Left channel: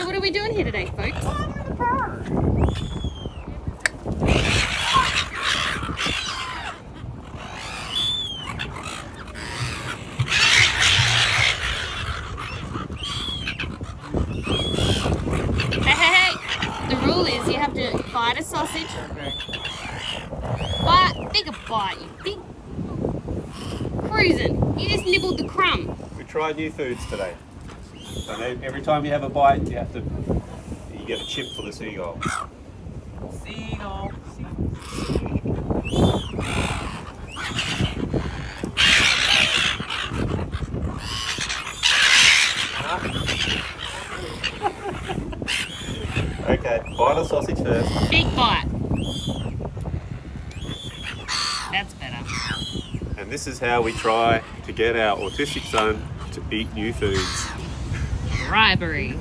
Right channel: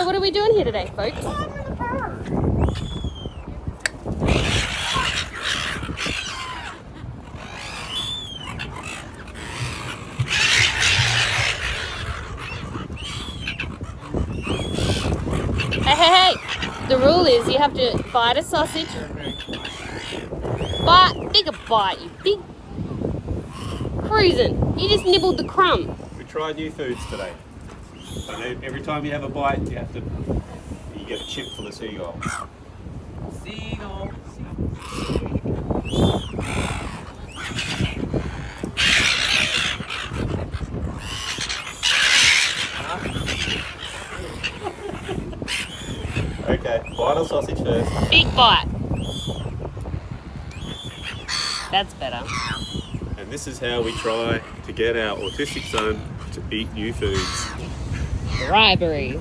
So what are we doing here today, folks? I'm in the park. Hey. The rule is you have to bite a sausage. Take a bite, you big cruising. You just nibbled the crumb. We tried new foods today. And every time you have a bite, you get a chip for the seagull. Seagull. Okay, bite a sausage first. Big bite. That's better. And this is how we try to get our autistic son to eat new foods. Bribery.